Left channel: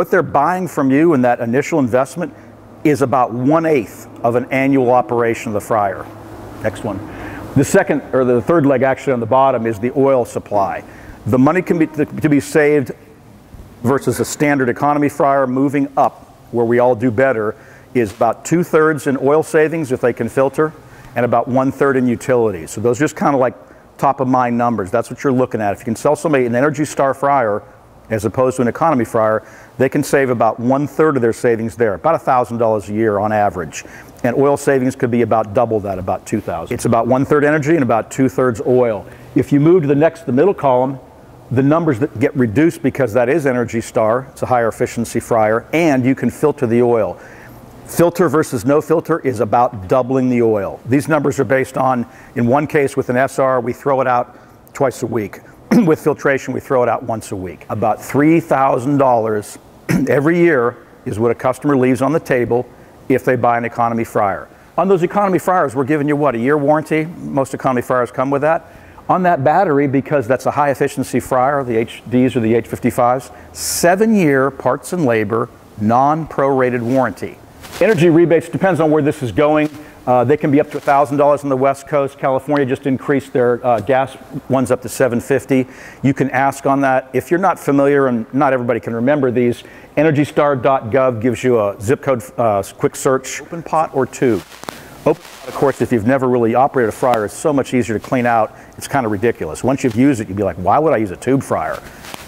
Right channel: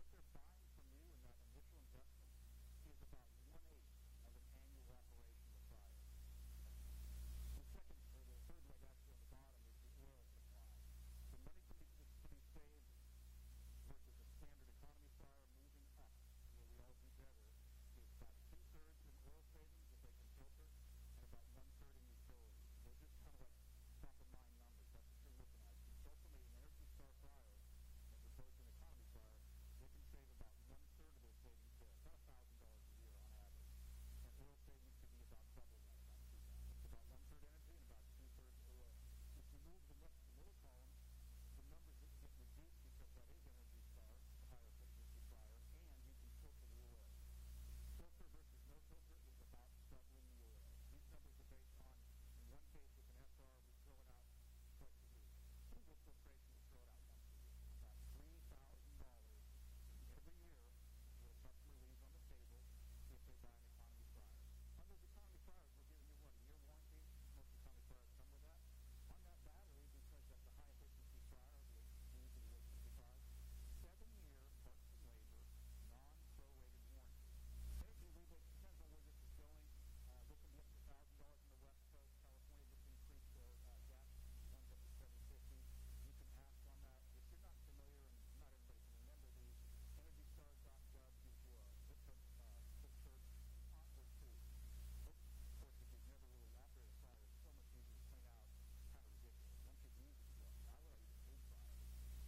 what they're buying from you in that initial investment is about 1/8 of an annual operation of the fryer. Next one. The second, or the third leg actually on the bottom, is the oil supply. The money can be to be saved versus a standard economy fryer moving up, where we all do better, is about 2/3 in oil savings if they can filter, and about 1/3 in utilities. So those are just kind of like top of mind numbers. That's what you're looking at. If you can sell somebody an Energy Star fryer as opposed to an economy fryer, they can save about 1/3 of their savings there, about $1,000 a year on average. And oil savings could be about double that, about $2,000. It's about 1/3 energy and about 2/3 oil. If you move to the middle column, the numbers that get reduced because that is Energy Star, it's a higher efficiency fryer, and you can filter the oil. Filter versus no filter is about doubling the oil. These numbers are based on, in one case with an SR, we throw it out twice a week. With filtration, we throw it out once a week. About $3,000 every year is what a customer leaves on the table if they buy an economy fryer. On those economy fryers, we're giving you what, a year warranty? Most economy fryers come with that. On that battery, because that's a high efficiency fryer, the HDs or the H55s, 7-year parts and labor, non-prorated warranty. Energy rebates depends on where this is going. They can be up to $1,000 on the West Coast. California just increased their gas ones up to $750. You can ask on that. If you're not familiar, and not everybody can remember these, EnergyStar.gov gives you a zip code quick search. Open pot or tube. Open pot, of course, if you've never really operated a fryer, is so much easier to clean out. It's kind of ridiculous. Once you've used it, you'd be like, why would I use a tube fryer?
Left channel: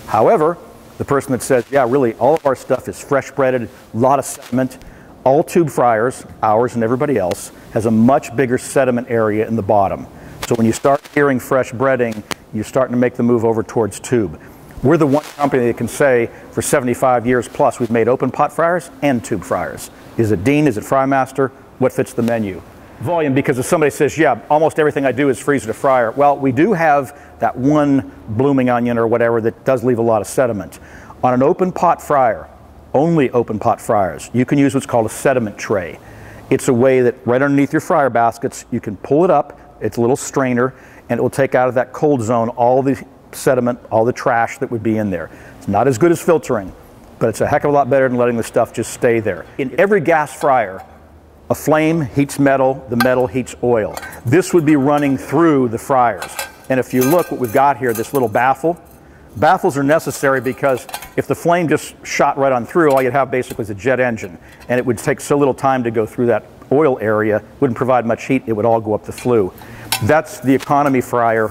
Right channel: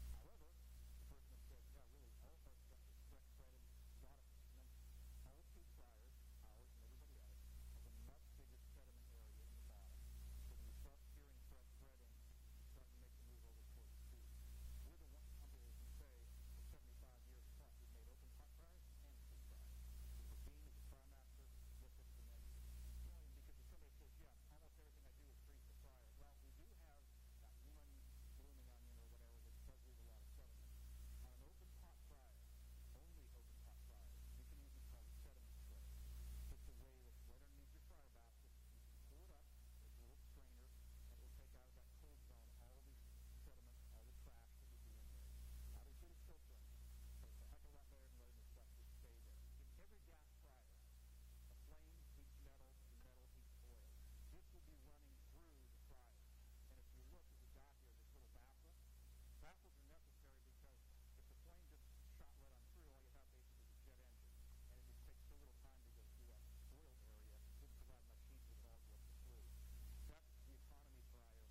However, the person that says, yeah, really, all of our stuff is fresh breaded, a lot of sediment. All tube fryers, ours and everybody else, has a much bigger sediment area in the bottom. So when you start hearing fresh breading, you're starting to make the move over towards tube. We're the one company that can say for 75 years plus we've made open pot fryers and tube fryers. Is it Dean? Is it Frymaster? What fits the menu? Volume, because if somebody says, yeah, almost everything I do is freezer to fryer. Well, we do have that one blooming onion or whatever that does leave a lot of sediment. On an open pot fryer, only open pot fryers, you can use what's called a sediment tray. It's a way that right underneath your fryer baskets, you can pull it up, it's a little strainer, and it will take out of that cold zone all the sediment, all the trash that would be in there. It's not as good as filtering, but it's a heck of a lot better than letting the stuff just stay there. In every gas fryer, a flame heats metal, the metal heats oil. This would be running through the fryers. And if you look what we've got here, this little baffle, baffles are necessary because if the flame just shot right on through, all you'd have basically is a jet engine, and it would take so little time to go through that oil area, wouldn't provide much heat, it would all go up the flue. That's the economy fryer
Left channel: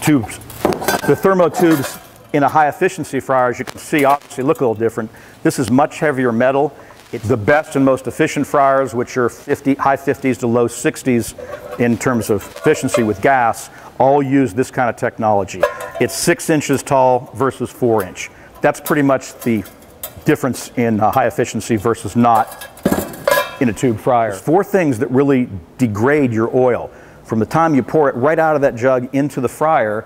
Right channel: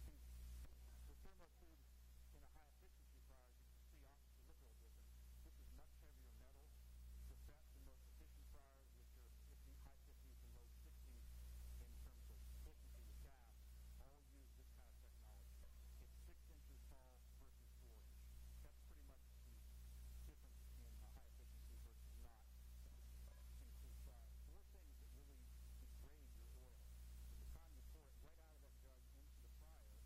tubes. The thermo tubes in a high efficiency fryer, as you can see, obviously look a little different. This is much heavier metal. It's the best and most efficient fryers, which are high 50s to low 60s in terms of efficiency with gas, all use this kind of technology. It's 6 inches tall versus 4 inch. That's pretty much the difference in high efficiency versus not in a tube fryer. There's 4 things that really degrade your oil. From the time you pour it right out of that jug into the fryer,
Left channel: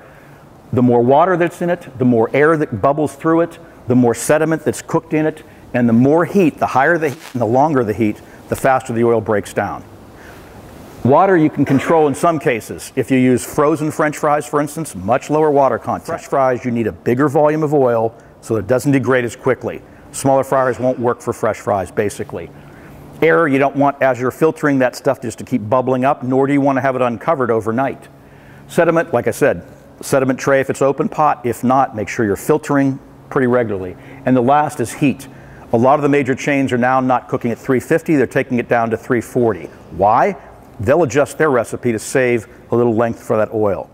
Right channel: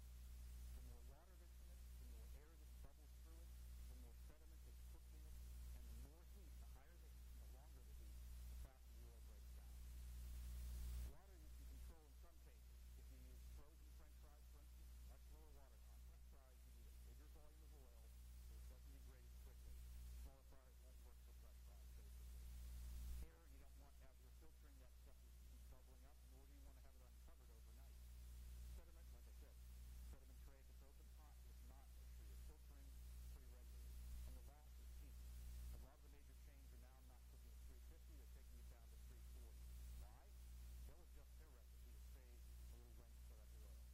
the more water that's in it, the more air that bubbles through it, the more sediment that's cooked in it, and the more heat, the higher the heat and the longer the heat, the faster the oil breaks down. Water you can control in some cases. If you use frozen French fries, for instance, much lower water content. French fries, you need a bigger volume of oil so it doesn't degrade as quickly. Smaller fryers won't work for fresh fries, basically. Air, you don't want, as you're filtering that stuff, just to keep bubbling up, nor do you want to have it uncovered overnight. Sediment, like I said, sediment tray if it's open pot. If not, make sure you're filtering pretty regularly. And the last is heat. A lot of the major chains are now not cooking at 350, they're taking it down to 340. Why? They'll adjust their recipe to save a little length for that oil.